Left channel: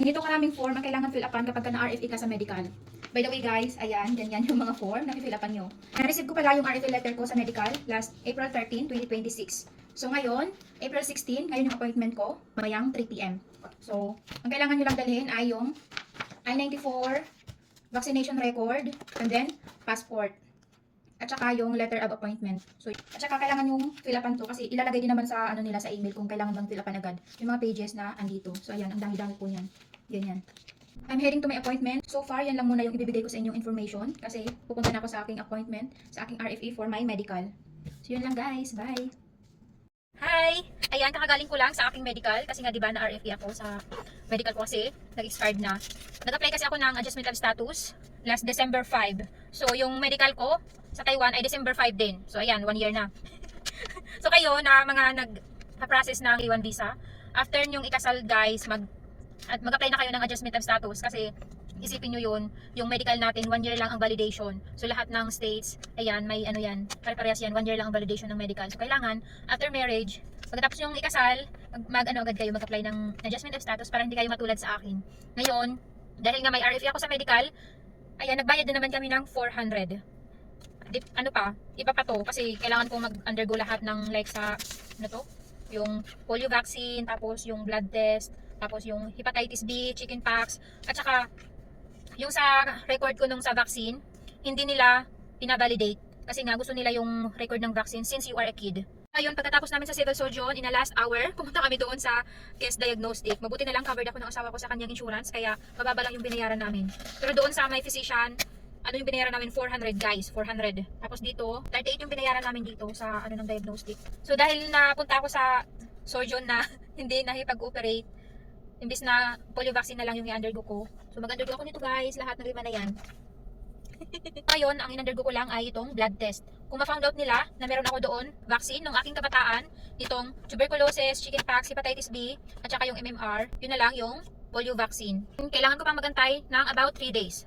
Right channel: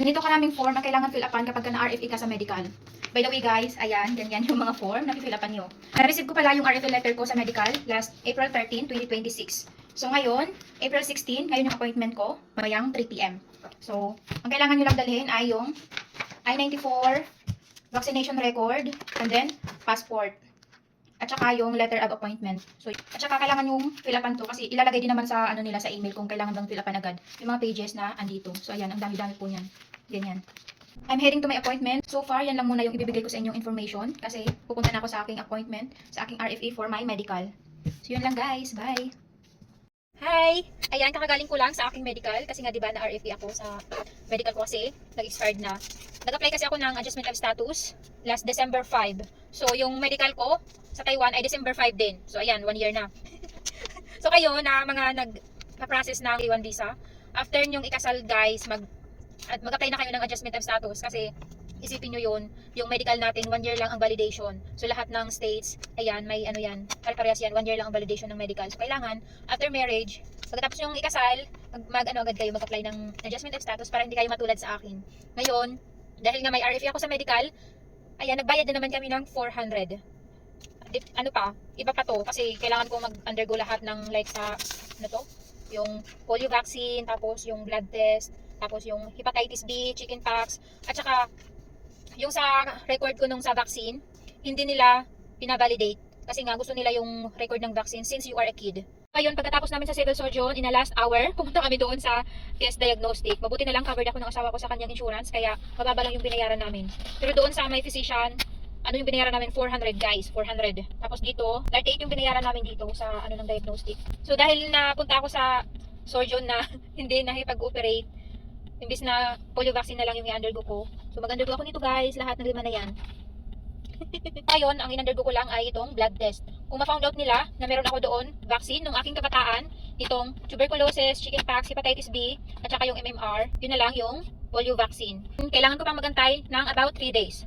Ganito karaming form ang kailangan fill upan kapag na-RFE ka sa medical. By the way guys, ayan, ganyan yung mga form na fill upan nyo. Na-receive ko pala yung RFE letter ko sa medical last April 13, 2026. So ngayon, April 16, ngayon yung appointment ko, mamayang 3 PM. So, ang kailangan nyo lang dalhin ay yung I-94, vaccination record, and then passport. At saka yung letter of appointment. So, at saka kailangan yung fill upan to kasi ilalagay din naman sa ano nila sa email kung kailangan bang fill upan agad. Yung mga pages na andito. So, ayan, ang dami-dami po niyan. Ganyan. I'm heading to my appointment. So far, yan lang muna yung ibibigay ko sa inyong information kasi pupunta na ako sa aking appointment, sa aking RFE for my medical. So, yun lang guys. Bye! Hi! Ayan, kakagaling ko lang sa aking medical kasi nga diba na RFE ako sa medical ko kasi nag-expired na. Nag-apply kasi ako ng adjustment of status last December 5. So, yung medical ko sa Taiwan ay December 5 din. So, ayan, 1 year na. So, kayo na mga nag-process ng A1 visa, after nyong ikasal guys, mag-apply na kayo ng adjustment of status kasi isipin nyo yun, yung medical natin 1 year lang ang validation. So lahat ng states, ayan, may ano yan, pare-parehas yan, 1 year lang ang validation ng medical. So kailangan, after marriage, pagkatapos yung ikasal, agad kayo mag-apply ng adjustment of status para hindi kayo matulad sa akin. Ngayon, dahil nga may RFE ako sa medical, ayan, nagbayad din naman kami ng 400. Ano pa, iba pa to kasi kailangan kong mag-undergo lahat ng like sa, ano to, yung polio vaccine, tapos yung blood test, tapos yung hepatitis B, chickenpox, at saka yung sa record ko nung sa vaccine, hindi nila pinavalidate kasi nga gusto nila yung record ng vaccine since you are a kid. Ayun, pagkatapos namin sa civil surgeon, in a last hour, pumunta kami doon sa test diagnostic. Mabuti na lang covered ako ng asawa ko sa kanyang insurance, kaya mababa lang yung binayaran namin. Pero doon sa may physician, ano yung binayaran namin? 400 guys, 400. Tapos dito, 38 yung binayaran namin dito sa ano ng diagnostic. So dahil napunta ako sa surgeon na hindi nakipag-operate, imbis na polio vaccine na lang yung i-undergo ko. So mag-undergo ako nito guys, lahat ng lima na yan. Ngayon, ang in-undergo ko lang ay itong blood test. Kung ma-found out nila na meron ako doon, vaccine nung aking kabataan, itong tuberculosis, chickenpox, hepatitis B, at saka yung MMR, yun na lang yung polio vaccine. Kailangan ko pang magantay ng about 3 days.